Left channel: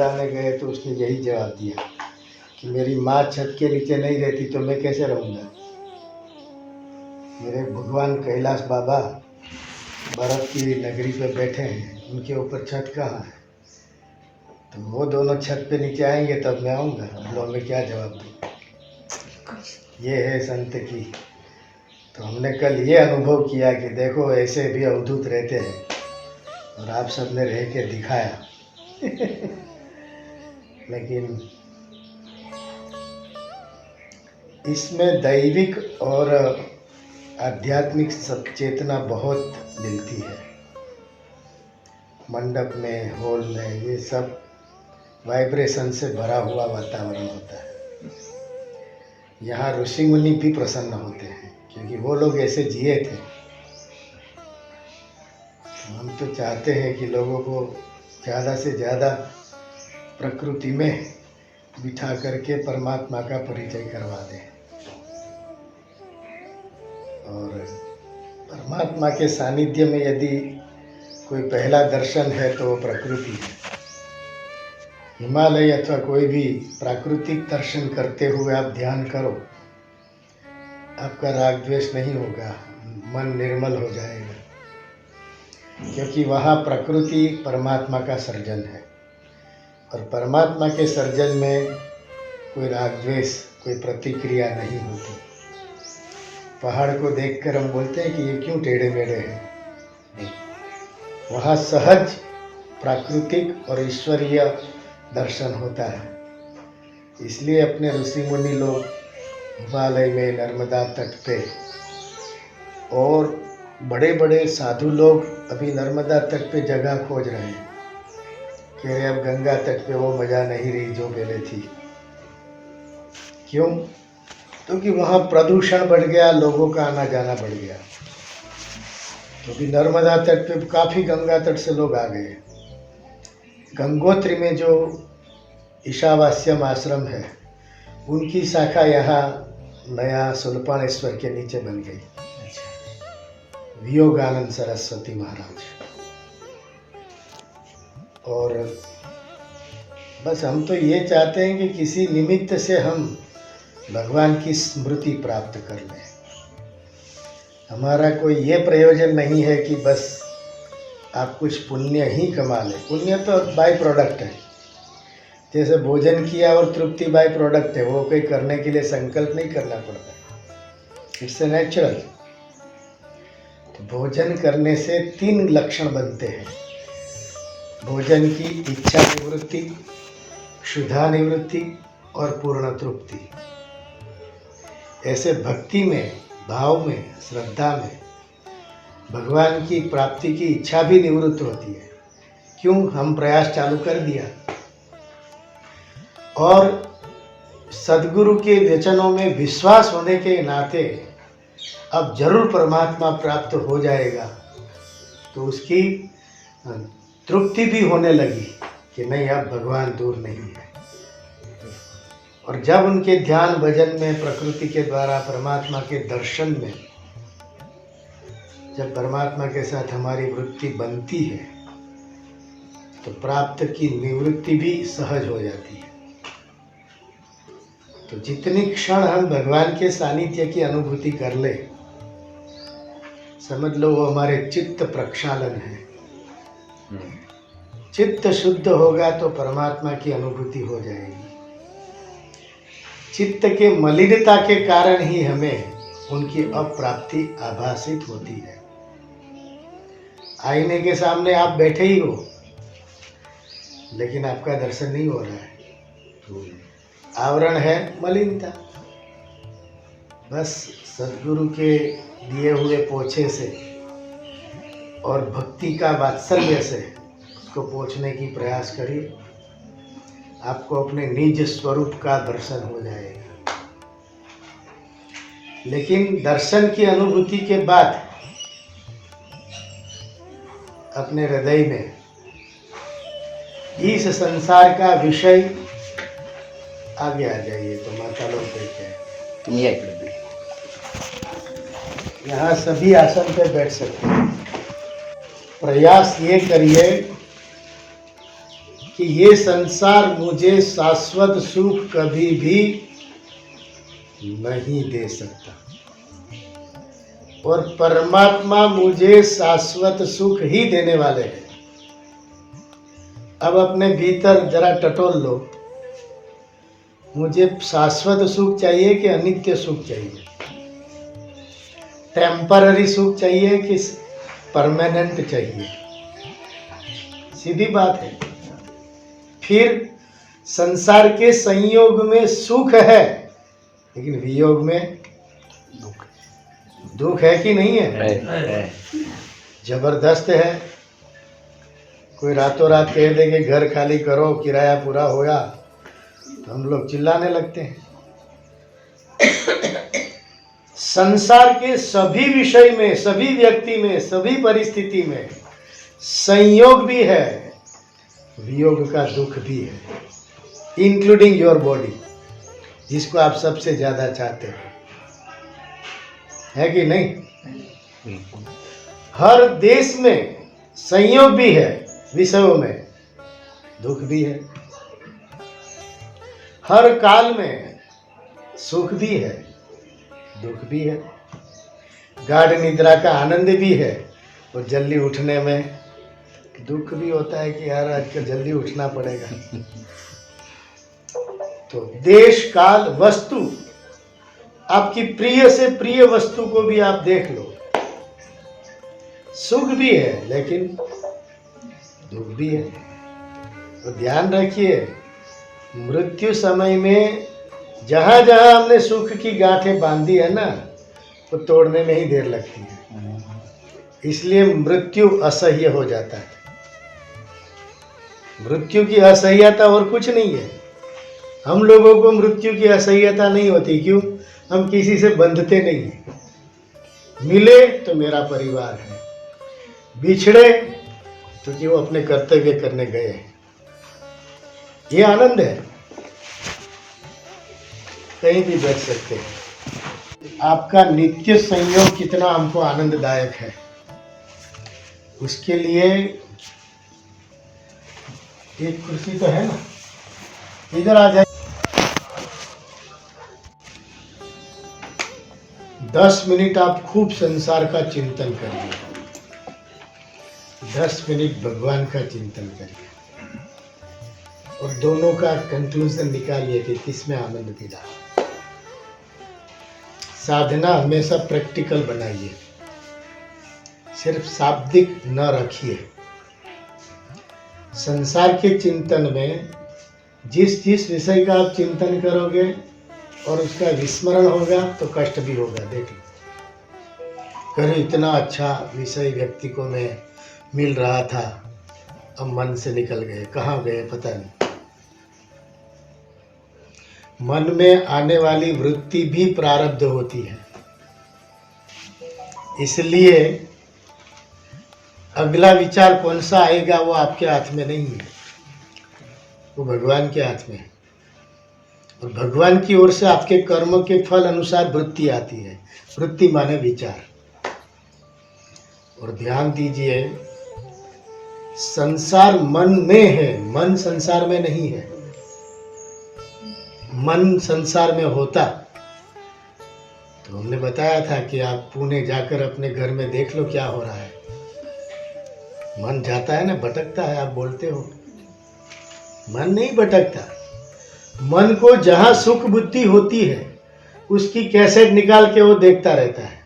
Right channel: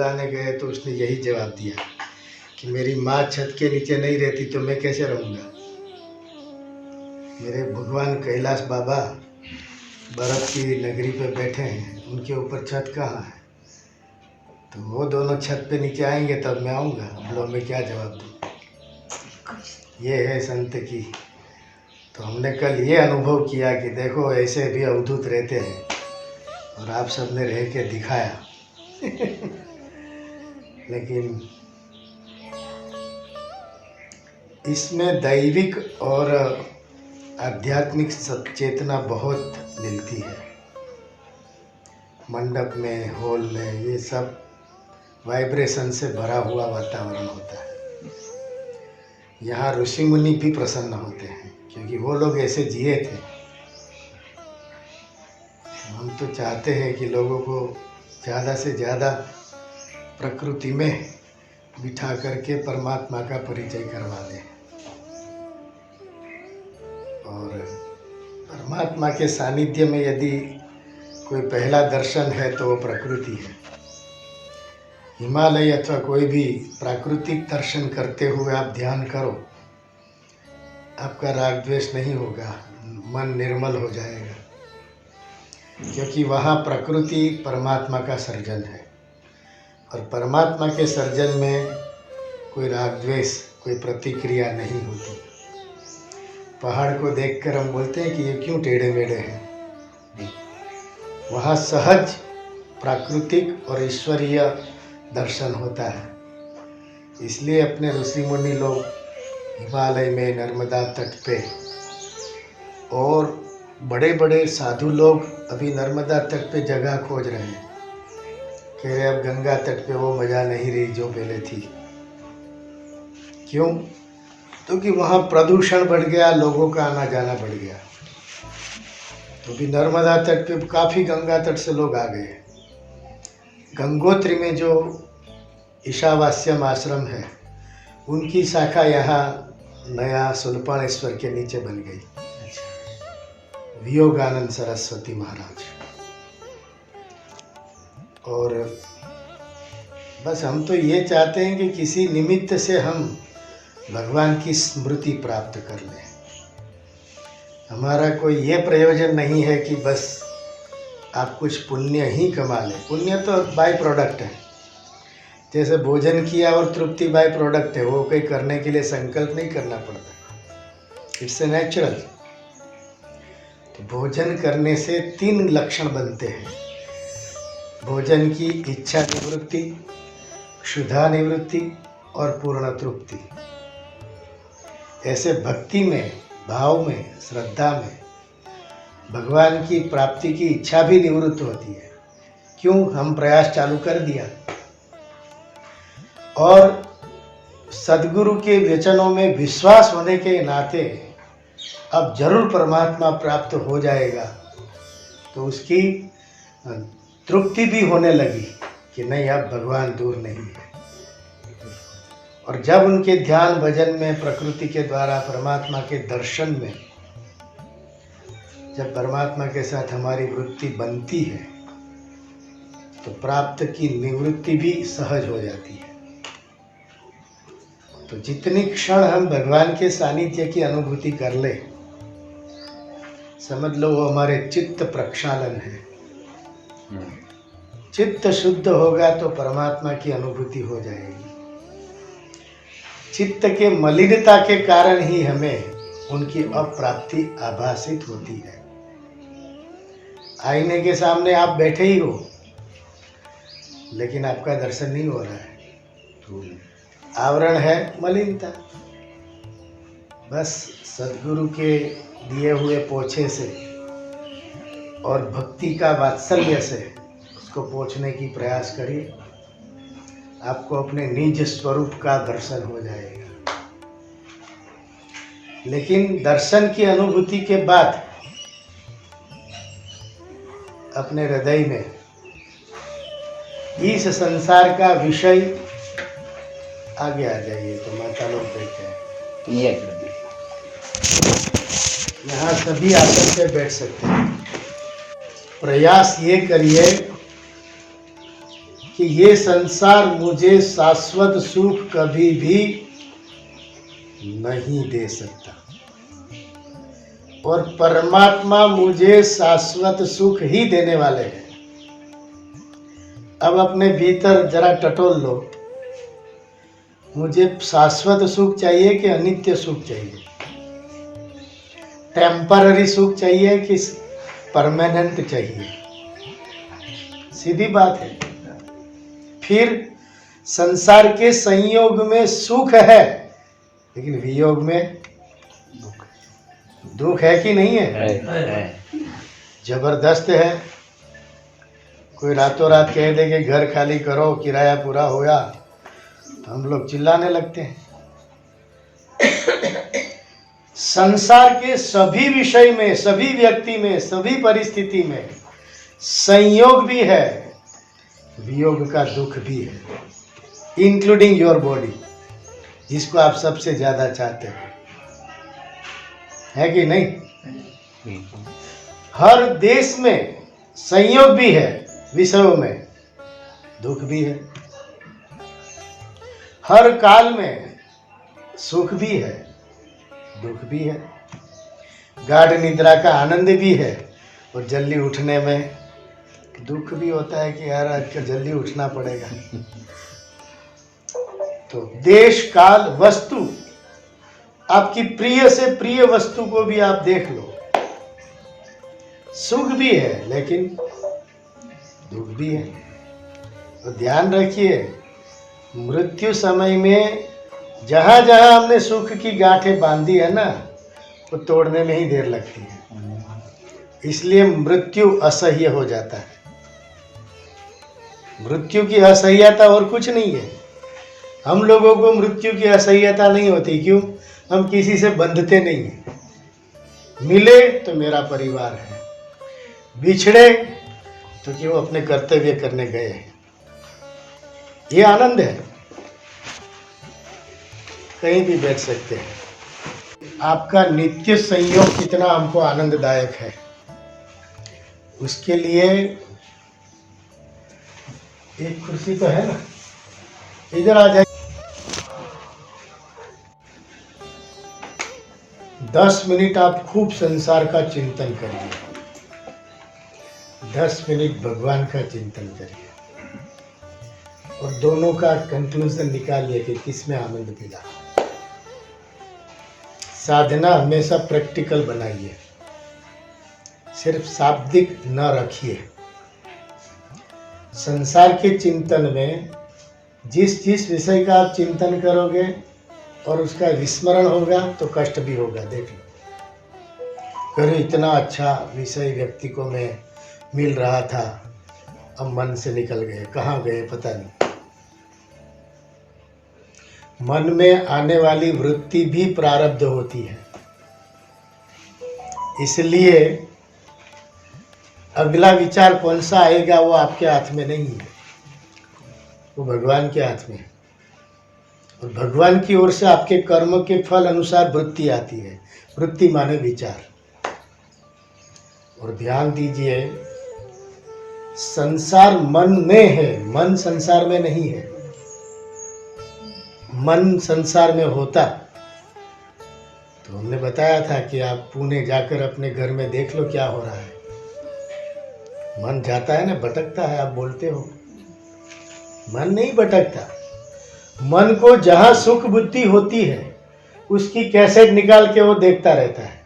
लाने गए तो उसने यही जवाब दिया कि मेरी माँ छत के नीचे नहीं रहती तो मैं कैसे रहूँगा। मेरे भगवान कैलाश बाबा बर्फ की नगरी पर बैठे हैं, उनके ऊपर छत कहाँ है, तो वो दोनों छत पे नीचे आएंगे तब मैं आऊँगा। लो मैं क्या जवाब दूँ। ये है संत की। तो हमने कल ये अनुभव किया कि देखो ऐसे भी अवधूत रहते हैं और आप सबने रह के दिखाया। लेकिन इसमें दैविक और आध्यात्मिक चेतना बहुत मिलती है। मंडप में, हॉल में, ये सब वाइब्रेशन से भरा हुआ वातावरण होता है। यहाँ ऋषि मुनि भी प्रसन्न होते हैं क्योंकि वो लोग ऐसे जिए थे। हम तो चाहते हैं कि लोगों को ज़्यादा से ज़्यादा प्रकृति में बिठा करके परमात्मा का परिचय करवा दें। और परमात्मा के सानिध्य में यदि कोई पहला दर्शन है तो वो प्रकृति है। हिमालय अथवा कोई भी प्राकृतिक दर्शन करते हुए आप ध्यान करो, आपका राग द्वेष नहीं होगा, मन निर्मल हो जाएगा, क्योंकि वहाँ प्रकृति परमात्मा का सर्जन है। और परमात्मा के सर्जन में कोई राग द्वेष, कोई प्रतिक्रिया नहीं होती। पहाड़ को देखकर हम बोलते हैं कि ये क्यों टेढ़े मेढ़े हैं। वहाँ सहज प्राकृतिक और ईश्वरीय दर्शन होता है। इसलिए अपने ऋषि मुनि लोग हिमालय में, नर्मदा तट पे, और बड़े बड़े साधु लोग अभी नर्मदा तट पे जगह खोज रहे हैं। कह रहे अब गंगा तट पे वो मज़ा नहीं रही जो पहले थी। क्यों? क्योंकि वहाँ प्रदूषण बढ़ गया, लोगों का आना जाना बढ़ गया। तो भी नर्मदा तट पे काफ़ी गंगा तट से लोग आ गए। गंगोत्री में जो ईशावास्यम आश्रम है, उनकी शाखा यहाँ नया सुल्पानेश्वर के नीचे बन गई। वियोगानंद सरस्वती महाराज। और बस हम तो ये चाहते हैं कि किसी निमित्त से हम भगवान की स्मृति प्राप्त कर लें। हमारा कोई ये प्रयोजन नहीं है कि बस आप कुछ पुण्य ही कमा लें। पुण्य तो बाय प्रोडक्ट है। जैसे भोजन किया और तृप्ति बाय प्रोडक्ट है, वो कोई करने के लिए संकल्प नहीं करना पड़ता, इट्स ए नेचुरल। तो भोजन करने से 3 लक्षण बनते हैं। भोजन की इच्छा निवृत्ति, क्षुधा निवृत्ति और पूर्ण तृप्ति। ऐसे भक्ति में, भाव में, श्रद्धा में भगवान की प्राप्ति की इच्छा भी निवृत्त होती है। क्यों? हम प्रयास चालू कर दिया। और सद्गुरु के वचनों में विश्वास होने के नाते अब जरूर परमात्मा प्राप्त हो जाएगा, तो उसकी तृप्ति भी होने लगी कि नहीं, अब भगवान दूर नहीं है। और जब उनके ध्यान भजन में, प्रकृति के द्वारा परमात्मा के दर्शन में, जब परमात्मा के साथ हमारी वृत्ति बनती है तो प्राप्त की निवृत्ति भी सहज हो जाती है। तो जितनी क्षण हम भगवान के सानिध्य की अनुभूति कर ले, समझ लो वो हमारे चित्त प्रक्षालन है। चित्त शुद्ध होगा तो परमात्मा की अनुभूति हो जाएगी। चित्त के मलिनता के कारण ही हमें उनकी अप्राप्ति आभासित होती है। आईने के सामने आप बैठे ही हो, लेकिन आपका दर्शन नहीं हो रहा है। आवरण है मलिनता। बस सद्गुरु के दिए हुए पोछे से और भक्ति का वात्सल्य से उसको पोछने की प्रयास करिए, आपको अपने निज स्वरूप का दर्शन हो जाएगा। लेकिन दर्शन की अनुभूति के बाद अपने हृदय में इस संसार का विषय आगे आ जाइए। तो माता लोग कहते हैं यहाँ सभी आसन पे बैठ सकते हैं। प्रयास ये करिए कि ये संसार मुझे शाश्वत सुख कभी भी नहीं दे सकता और परमात्मा मुझे शाश्वत सुख ही देने वाले हैं। अब अपने भीतर जरा टटोल लो, मुझे शाश्वत सुख चाहिए कि अनित्य सुख चाहिए? टेम्पररी सुख चाहिए कि परमानेंट चाहिए? सीधी बात है। फिर संसार के संयोग में सुख है, लेकिन वियोग में दुख है कि नहीं है? जबरदस्त है। कोई रातों रात कह दे कि घर खाली करो, किराया पूरा होया, तो हम लोग चिल्लाने लगते हैं। संसार के सभी विषय में, सभी व्यक्ति में, सभी परिस्थिति में संयोग भी है, वियोग का दुख भी है, इंक्लूडिंग योर बॉडी, जिसको आप सबसे ज्यादा चाहते हो, है कि नहीं? हर देश में संयोग भी है, विषयों में दुख भी है। हर काल में सुख भी है, दुख भी है। गाढ़ निद्रा का आनंद भी है और जल्दी उठने में दुख भी होता है कि यार आज का जल्दी उठना पड़ेगा। तो देश काल वस्तु, आपकी प्रिय से प्रिय वस्तु को भी आप देख लो, सुख भी है लेकिन दुख भी है। तो ध्यान रखिए, मृत्यु समय में जहां जहां हमने सुख की गांठें बांधी है ना, वो तोड़ने में ही देर लगती है। इसलिए मृत्यु असह्य हो जाता है। मृत्यु की असह्यता और कुछ नहीं है। हम लोगों को मृत्यु की असह्यता नहीं होती। क्यों? हम किसी से बंधते नहीं हैं। मिले तो मेरा परिवार है, बिछड़े तो कि वो अपने कर्तव्य करने गए हैं। ये आनंद है, कहीं भी बैठ सकते हैं। आपका नित्य संयोग कितना हमको आनंददायक है, उसके लिए एक कुर्सी तो है ना, इधर आ जाए। 10 मिनट आप खूब संसार का चिंतन करिए, 10 मिनट भगवान का चिंतन करिए और दोनों का कंक्लूजन निकालिए कि किसमें आनंद मिला। साधना हमेशा प्रैक्टिकल बनाइए, सिर्फ शाब्दिक न रखिए। संसार के चिंतन में जिस जिस विषय का आप चिंतन करोगे और उसका विस्मरण होगा तो कष्ट भी होगा। देख लो, कहीं इतना अच्छा विषय व्यक्ति को मैं मिल रहा था, अब मन से निकल गए, कहाँ गए पता नहीं। मन में आने वाली वृत्ति भी प्रारब्ध होती है, इसलिए अगला विचार कौन सा आएगा वो आपके हाथ में नहीं है, वो भगवान के हाथ में है। और भगवान की ओर से आपके कर्म के फल अनुसार वृत्ति आती है। वृत्ति माने विचार। और ध्यान दीजिए, संसार मन में है, मन संसार में नहीं है। मन संसार में होता तो हमने बताया था कि आप पुणे जाकर अपने घर में देख लो क्या हो रहा है। मन जाता है ना, भटकता है। आप बोलते हो मन नहीं भटकता। मन को जहाँ सुख बुद्धि होती है उसकी कैसेट निकाल के वो देखता रहता है।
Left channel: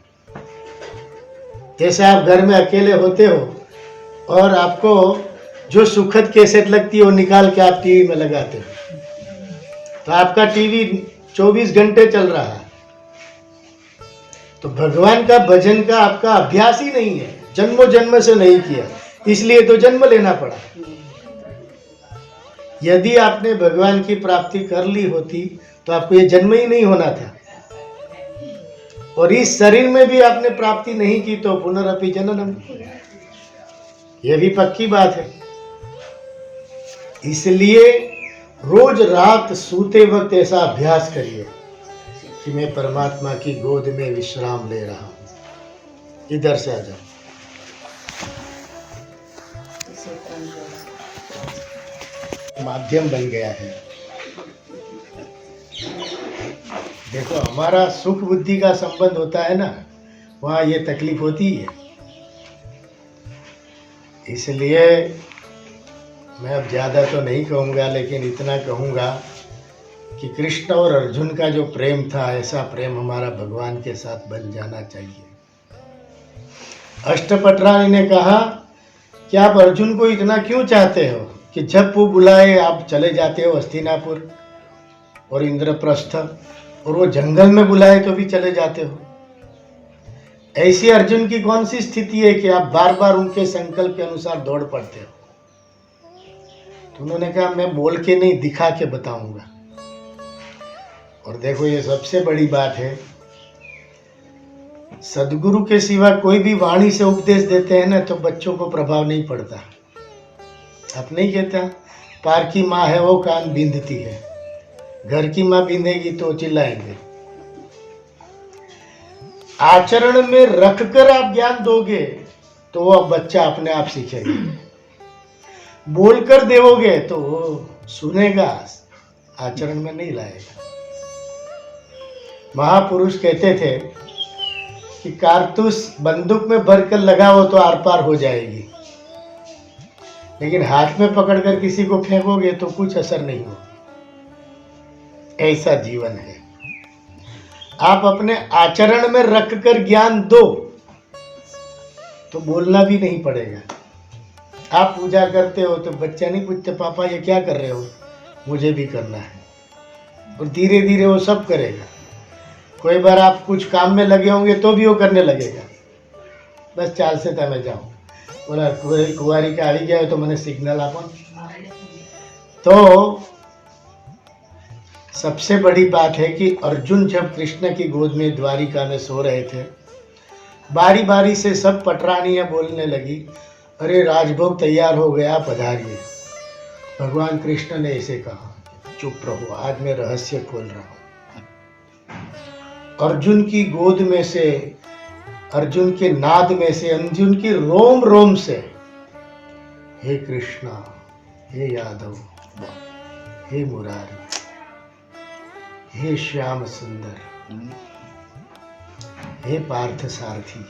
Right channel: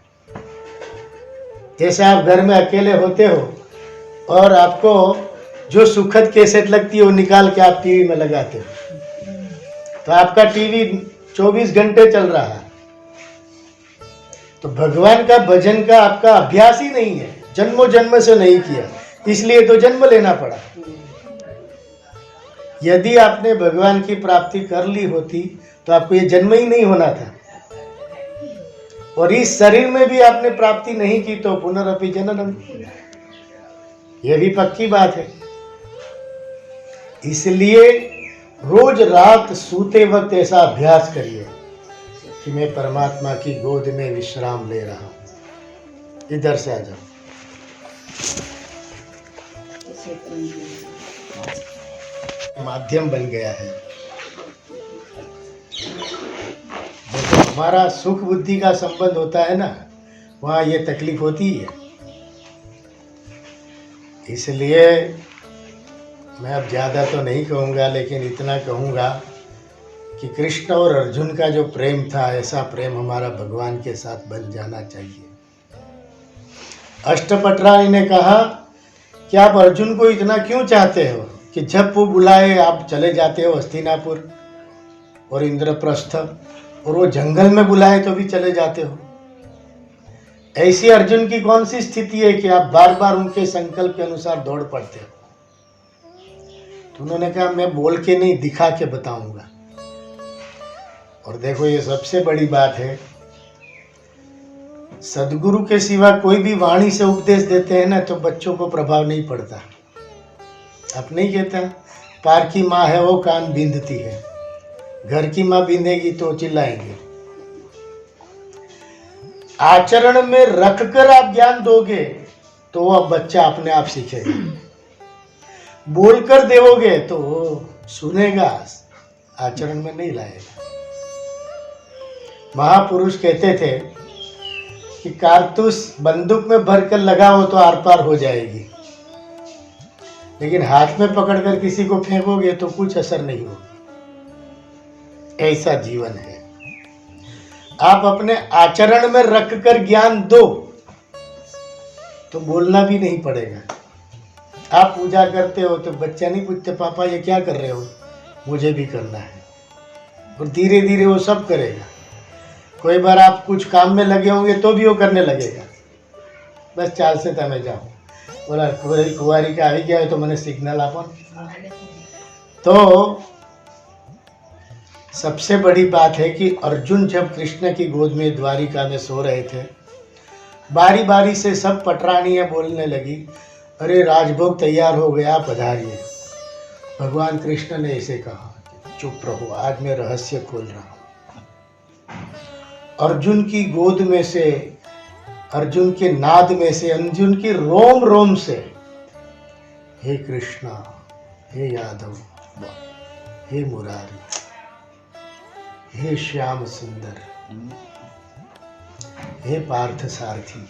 जैसे आप घर में अकेले होते हो और आपको जो सुखद कैसेट लगती है वो निकाल के आप टीवी में लगाते हो, तो आपका टीवी 24 घंटे चल रहा है। तो भगवान का भजन का आपका अभ्यास ही नहीं है, जन्मों जन्म से नहीं किया, इसलिए तो जन्म लेना पड़ा। यदि आपने भगवान की प्राप्ति कर ली होती तो आपको ये जन्म ही नहीं होना था। और इस शरीर में भी आपने प्राप्ति नहीं की तो पुनरअपि जननम, ये भी पक्की बात है। इसलिए रोज रात सोते वक्त ऐसा अभ्यास करिए कि मैं परमात्मा की गोद में विश्राम ले रहा हूं। इधर से आ जाओ। माध्यम बन गया है। देखो, हमारा सुख बुद्धि का संबंध होता है ना, वहाँ ये तकलीफ होती है। इसलिए मैं अब ज़्यादा तो नहीं कहूँगा, लेकिन इतना कहूँगा कि कृष्ण और अर्जुन का जो प्रेम था, ऐसा प्रेम हमारा भगवान के साथ बन जाना चाहिए। अष्टपटरानी ने कहा कि आप अर्जुन को इतना क्यों चाहते हो कि जब वो बुलाए आप चले जाते हो हस्तिनापुर और इंद्रप्रस्थ, और वो जंगल में बुलाए तो भी चले जाते हो। ऐसी अर्जुन की कौन सी स्थिति है कि आप बार बार उनके संकल्प के अनुसार दौड़ पड़ते हो? तो उन्होंने कहा, मैं बोल के नहीं, दिखा के बताऊंगा। और देखो, ये सबसे बड़ी बात है, सदगुरु के सिवा कोई भी वाणी से उपदेश देते हैं ना, तो बच्चों को प्रभाव नहीं पड़ता। आप नहीं कहता, पार की माँ है वो कान बींधती है, घर की माँ बींधेगी तो चिल्लाएंगे। आचरण में रखकर आप ज्ञान दोगे तो अब बच्चा अपने आप सीखेगा। बोलकर देवोगे तो सुनेगा, आचरण में नहीं लाएगा। महापुरुष कहते थे कि कारतूस बंदूक में भरकर लगाओ तो आर पार हो जाएगी, लेकिन हाथ में पकड़कर किसी को फेंकोगे तो कुछ असर नहीं होगा। ऐसा जीवन है। आप अपने आचरण में रखकर ज्ञान दो तो बोलना भी नहीं पड़ेगा। आप पूजा करते हो तो बच्चा नहीं पूछते, पापा ये क्या कर रहे हो, मुझे भी करना है। और धीरे धीरे वो सब करेगा। कोई बार आप कुछ काम में लगे होंगे तो भी वो करने लगेगा। बस चाल से તમે जाओ, बोला कुंवारी का આવી गया है तो मैंने सिग्नल आपो। तो सबसे बड़ी बात है कि अर्जुन जब कृष्ण की गोद में द्वारिका में सो रहे थे, बारी बारी से सब पटरानियाँ बोलने लगी, अरे राजभोग तैयार हो गया, पधारिए। भगवान कृष्ण ने इसे कहा, चुप रहो, आज मैं रहस्य खोल रहा हूँ। अर्जुन की गोद में से, अर्जुन के नाद में से, अर्जुन की रोम रोम से, हे कृष्णा, हे यादव, हे मुरारी, हे श्याम सुंदर, हे पार्थ सारथी,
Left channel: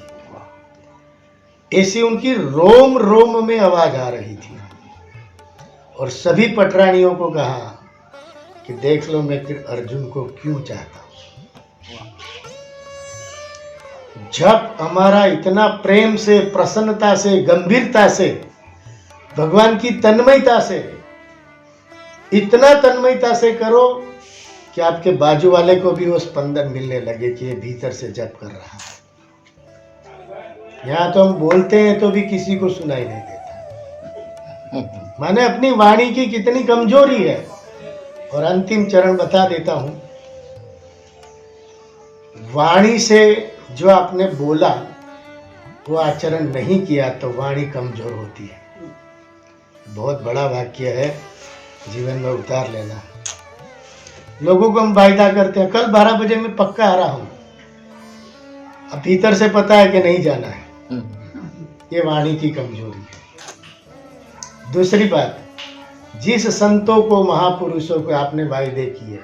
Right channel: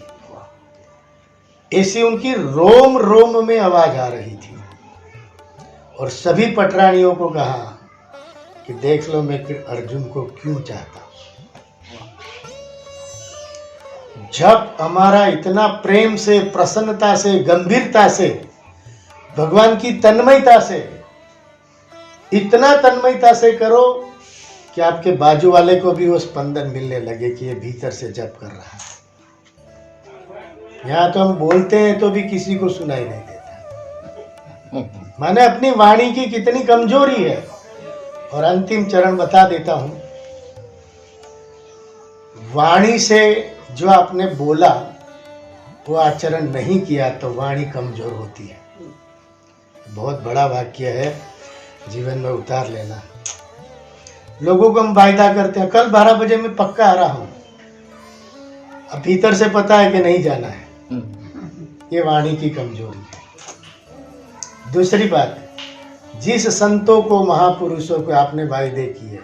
ऐसी उनकी रोम रोम में आवाज आ रही थी। और सभी पटरानियों को कहा कि देख लो मैं अर्जुन को क्यों चाहता हूं। जब हमारा इतना प्रेम से, प्रसन्नता से, गंभीरता से, भगवान की तन्मयता से, इतना तन्मयता से करो कि आपके बाजू वाले को भी वो स्पंदन मिलने लगे कि ये भीतर से जप कर रहा है। यहाँ तो हम बोलते हैं तो भी किसी को सुनाई नहीं देता। माने अपनी वाणी की कितनी कमजोरी है। और अंतिम चरण बता देता हूं, वाणी से जो आपने बोला वो आचरण नहीं किया तो वाणी कमजोर होती है। बहुत बड़ा वाक्य है, जीवन में उतार लेना। लोगों को हम वायदा करते हैं, कल 12 बजे मैं पक्का आ रहा हूं, अब भीतर से पता है कि नहीं जाना है। ये वाणी की कमजोरी है। दूसरी बात, जिस संतों को, महापुरुषों को आपने वायदे किए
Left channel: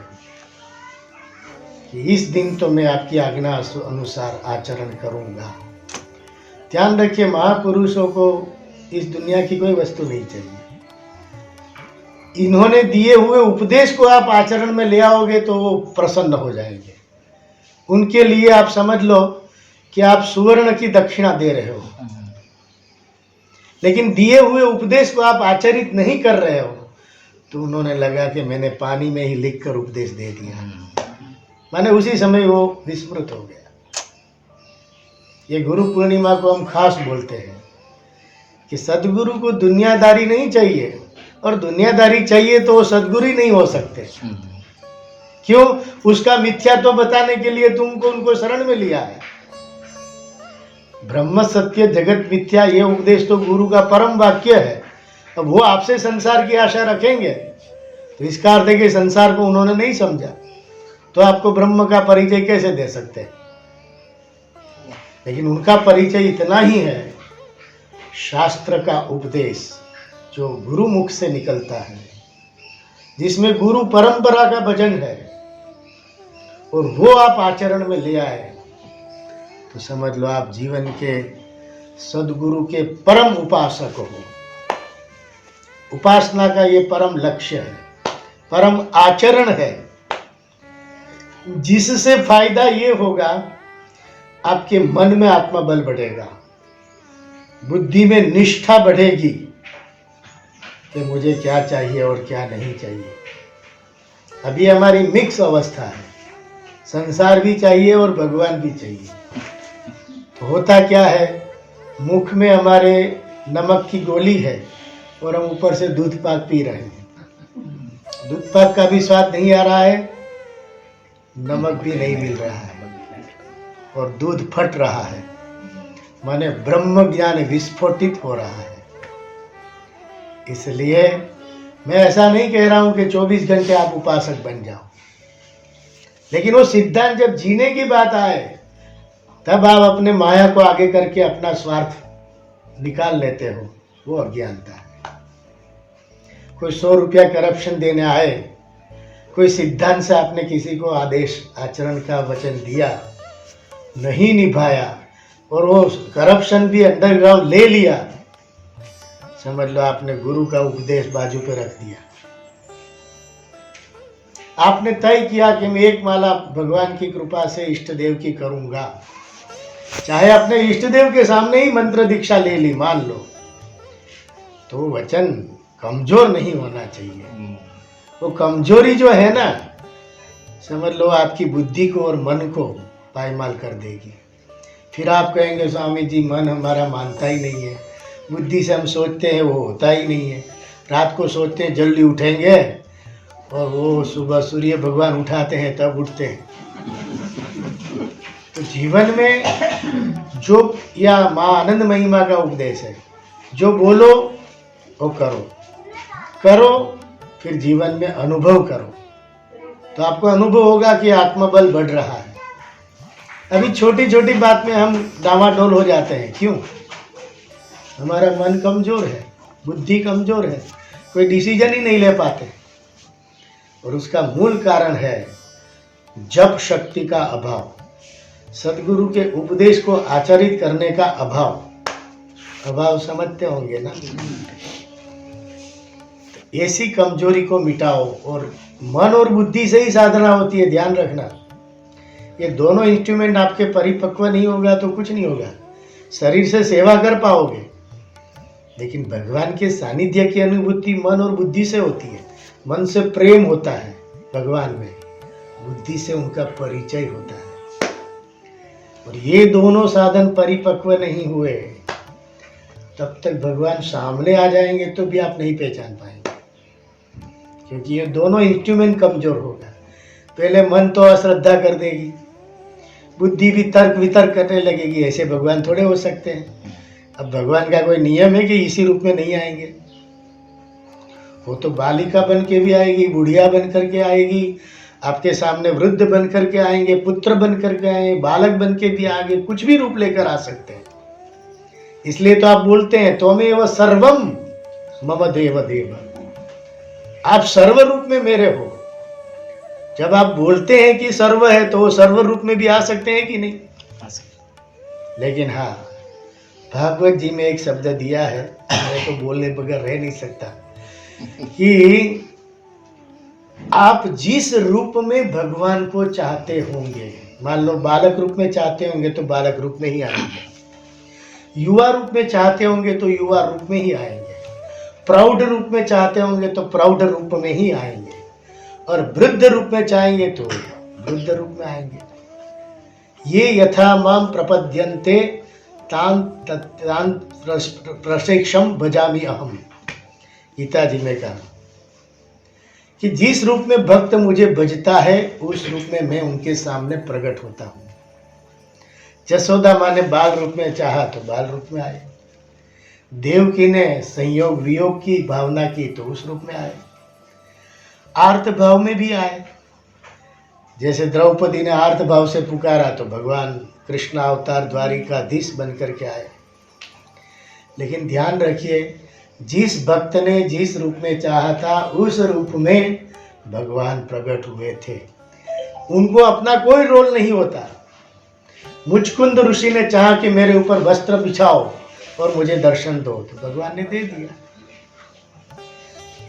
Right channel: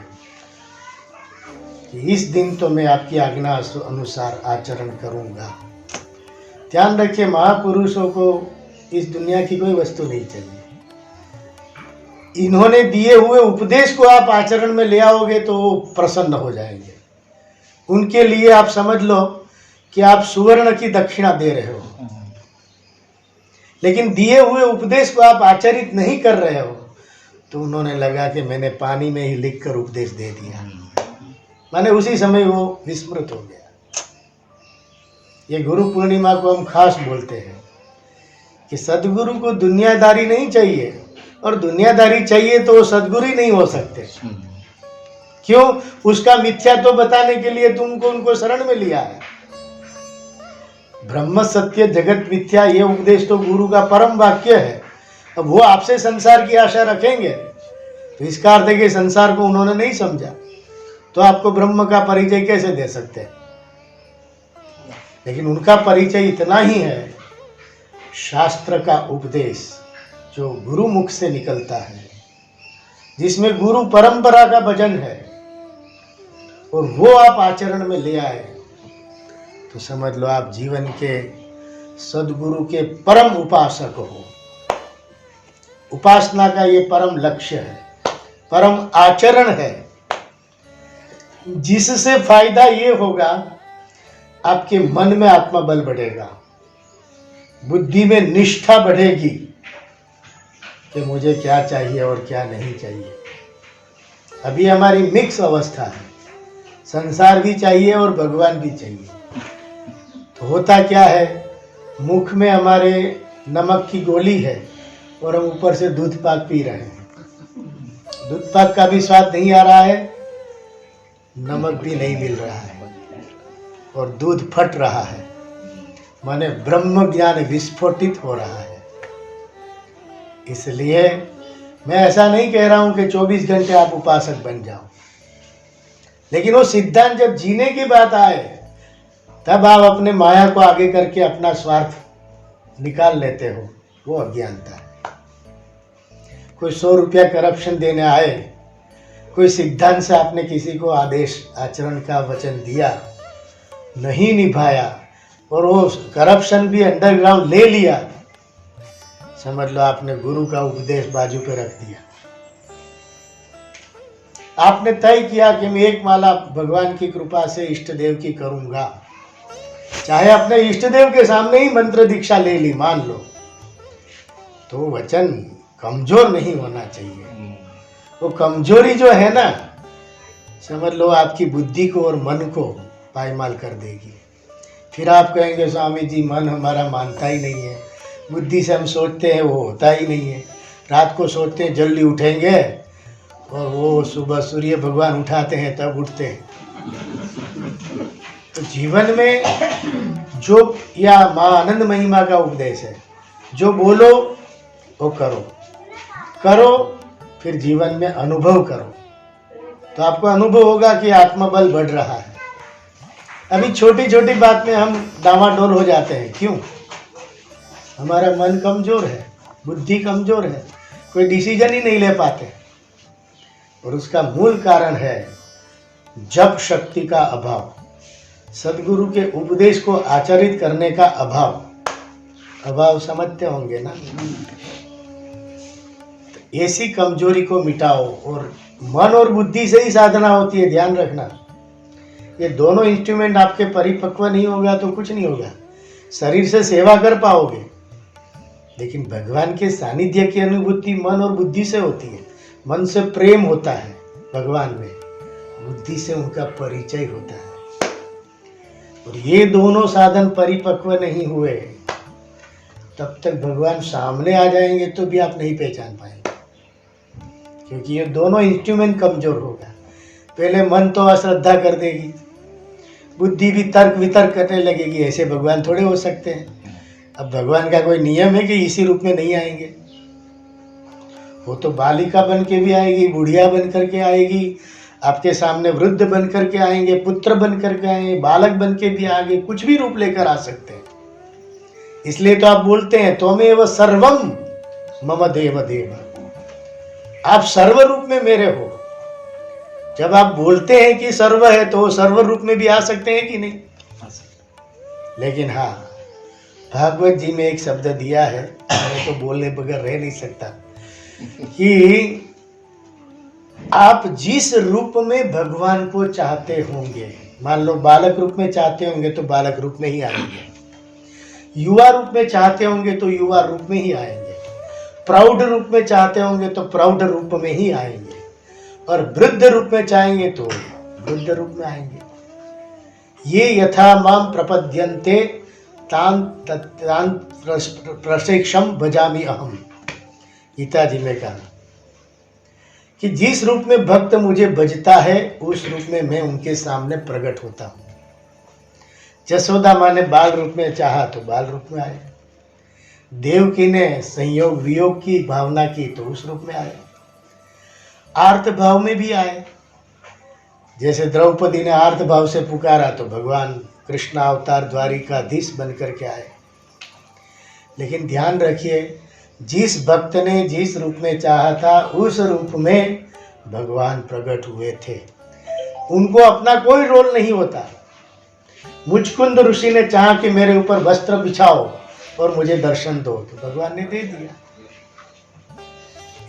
कि इस दिन तो मैं आपकी आज्ञा अनुसार आचरण करूंगा, ध्यान रखिए, महापुरुषों को इस दुनिया की कोई वस्तु नहीं चाहिए। इन्होंने दिए हुए उपदेश को आप आचरण में ले आओगे तो वो प्रसन्न हो जाएंगे। उनके लिए आप समझ लो कि आप सुवर्ण की दक्षिणा दे रहे हो। लेकिन दिए हुए उपदेश को आप आचरित नहीं कर रहे हो तो उन्होंने लगा कि मैंने पानी में ही लिखकर उपदेश दे दिया, माने उसी समय वो विस्मृत हो गया। ये गुरु पूर्णिमा को हम खास बोलते हैं कि सदगुरु को दुनियादारी नहीं चाहिए, और दुनियादारी चाहिए तो वो सदगुरु ही नहीं हो सकते। क्यों? उसका मिथ्या तो बताने के लिए तुमको उनको शरण में लिया है। ब्रह्म सत्य जगत मिथ्या, ये उपदेश तो गुरु का परम वाक्य है। अब वो आपसे संसार की आशा रखेंगे तो इसका अर्थ है कि संसार को उन्होंने नहीं समझा, तो आपको ब्रह्म का परिचय कैसे दे सकते हैं? लेकिन उनका परिचय इतना ही है, शास्त्र का उपदेश जो गुरु मुख से निकलता है, जिसमें गुरु परंपरा का भजन है और वो आप आचरण में ले आए, तो समझ लो आप जीवन के सदगुरु के परम उपासक हो। उपासना का ये परम लक्ष्य है, परम आचरण है, जिससे फायदा ये होगा आपके मन में आत्मबल बढ़ेगा, बुद्धि में निष्ठा बढ़ेगी कि मुझे क्या चाहिए और क्या नहीं चाहिए। अभी हमारी मिक्स अवस्था है, संसार भी चाहिए और भगवान भी चाहिए। तो होता क्या है, मुख में हमारे नमक की गोली है और हम ऊपर से दूध पाक पी रहे हैं। दूध पाक का भी स्वाद नहीं आ रहा है, नमक भी नहीं मिल रहा है और दूध फट रहा है, माने ब्रह्म ज्ञान विस्फोटित हो रहा है। इसलिए मैं ऐसा नहीं कह रहा हूं कि 24 घंटे आप उपासक बन जाओ, लेकिन वो सिद्धांत जब जीने की बात आए तब आप अपने माया को आगे करके अपना स्वार्थ निकाल लेते हो, वो अज्ञानता है। कोई 100 रुपया करप्शन देने आए, कोई सिद्धांत से आपने किसी को आदेश आचरण का वचन दिया, नहीं निभाया और वो करप्शन भी अंडरग्राउंड ले लिया, समझ लो आपने गुरु का उपदेश बाजू पे रख दिया। आपने तय किया कि मैं एक माला भगवान की कृपा से इष्ट देव की करूंगा, चाहे अपने इष्ट देव के सामने ही मंत्र दीक्षा ले ली मान लो, तो वचन कमजोर नहीं होना चाहिए। वो कमजोरी जो है ना, समझ लो आपकी बुद्धि को और मन को पायमाल कर देगी। फिर आप कहेंगे स्वामी जी मन हमारा मानता ही नहीं है, बुद्धि से हम सोचते हैं वो होता ही नहीं है, रात को सोचते हैं जल्दी उठेंगे और वो सुबह सूर्य भगवान उठाते हैं तब उठते हैं। तो जीवन में जो या माँ आनंद महिमा का उपदेश है, जो बोलो वो करो, करो फिर जीवन में अनुभव करो, तो आपको अनुभव होगा कि आत्मबल बढ़ रहा है। अभी छोटी छोटी बात में हम डामाडोल हो जाते हैं, क्यों? हमारा मन कमजोर है, बुद्धि कमजोर है, कोई डिसीजन ही नहीं ले पाते, और उसका मूल कारण है जप शक्ति का अभाव, सदगुरु के उपदेश को आचरित करने का अभाव समझते होंगे ना। तो ऐसी कमजोरी को मिटाओ, और मन और बुद्धि से ही साधना होती है, ध्यान रखना। ये दोनों इंस्ट्रूमेंट आपके परिपक्व नहीं होगा तो कुछ नहीं होगा। शरीर से सेवा कर पाओगे, लेकिन भगवान के सानिध्य की अनुभूति मन और बुद्धि से होती है। मन से प्रेम होता है भगवान में, बुद्धि से उनका परिचय होता है। और ये दोनों साधन परिपक्व नहीं हुए तब तक भगवान सामने आ जाएंगे तो भी आप नहीं पहचान पाएंगे, क्योंकि ये दोनों इंस्ट्रूमेंट कमजोर होगा। पहले मन तो अश्रद्धा कर देगी, बुद्धि भी तर्क वितर्क करने लगेगी, ऐसे भगवान थोड़े हो सकते हैं। अब भगवान का कोई नियम है कि इसी रूप में नहीं आएंगे, वो तो बालिका बन के भी आएगी, बुढ़िया बन करके आएगी, आपके सामने वृद्ध बन करके आएंगे, पुत्र बन करके आएंगे, बालक बन के भी आएंगे, कुछ भी रूप लेकर आ सकते हैं। इसलिए तो आप बोलते हैं त्वमेव सर्वम मम देव देव, आप सर्व रूप में मेरे हो। जब आप बोलते हैं कि सर्व है तो वो सर्व रूप में भी आ सकते हैं कि नहीं? लेकिन हाँ, भागवत जी में एक शब्द दिया है, मैं तो बोलने बगैर रह नहीं सकता, कि आप जिस रूप में भगवान को चाहते होंगे, मान लो बालक रूप में चाहते होंगे तो बालक रूप में ही आएंगे, युवा रूप में चाहते होंगे तो युवा रूप में ही आएंगे, प्रौढ़ रूप में चाहते होंगे तो प्रौढ़ रूप में ही आएंगे, और वृद्ध रूप में चाहेंगे तो वृद्ध रूप में आएंगे। ये यथा माम प्रपद्यन्ते तान प्रशिक्षम भजामि अहम, गीता जी में कहा कि जिस रूप में भक्त मुझे भजता है उस रूप में मैं उनके सामने प्रकट होता हूँ। जसोदा माँ ने बाल रूप में चाहा तो बाल रूप में आए, देवकी ने संयोग वियोग की भावना की तो उस रूप में आए, आर्त भाव में भी आए। जैसे द्रौपदी ने आर्त भाव से पुकारा तो भगवान कृष्ण अवतार द्वारिकाधीश बन करके आए। लेकिन ध्यान रखिए, जिस भक्त ने जिस रूप में चाहा था उस रूप में भगवान प्रकट हुए थे। उनको अपना कोई रोल नहीं होता। मुचकुंद ऋषि ने चाहा कि मेरे ऊपर वस्त्र बिछाओ और मुझे दर्शन दो, तो भगवान ने दे दिया।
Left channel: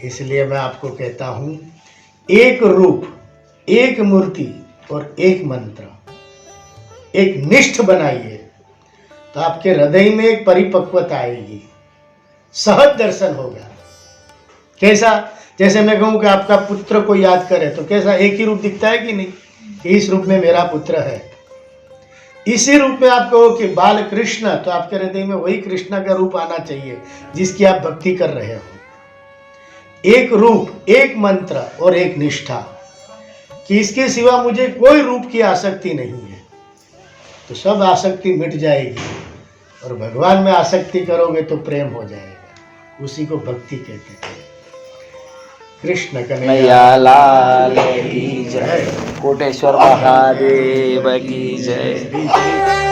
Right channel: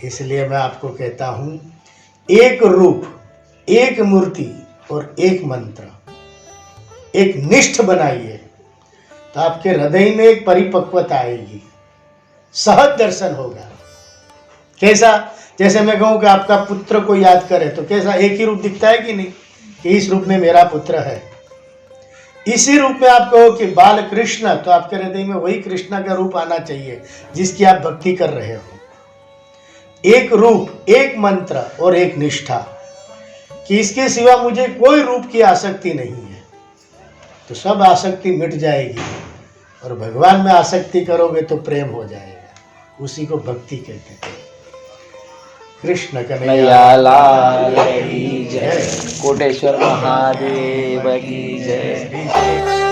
इसलिए मैं आपको कहता हूं, एक रूप, एक मूर्ति और एक मंत्र, एक निष्ठ बनाइए तो आपके हृदय में एक परिपक्वता आएगी, सहज दर्शन होगा। कैसा? जैसे मैं कहूं कि आपका पुत्र को याद करे तो कैसा एक ही रूप दिखता है कि नहीं, कि इस रूप में मेरा पुत्र है। इसी रूप में आप कहो कि बाल कृष्ण, तो आपके हृदय में वही कृष्ण का रूप आना चाहिए जिसकी आप भक्ति कर रहे हो। एक रूप, एक मंत्र और एक निष्ठा, कि इसके सिवा मुझे कोई रूप की आसक्ति नहीं है, तो सब आसक्ति मिट जाएगी और भगवान में आसक्ति करोगे तो प्रेम हो जाएगा। उसी को भक्ति कहते हैं। कृष्ण कन्हैया लाल की जय, कोटेश्वर महादेव की जय।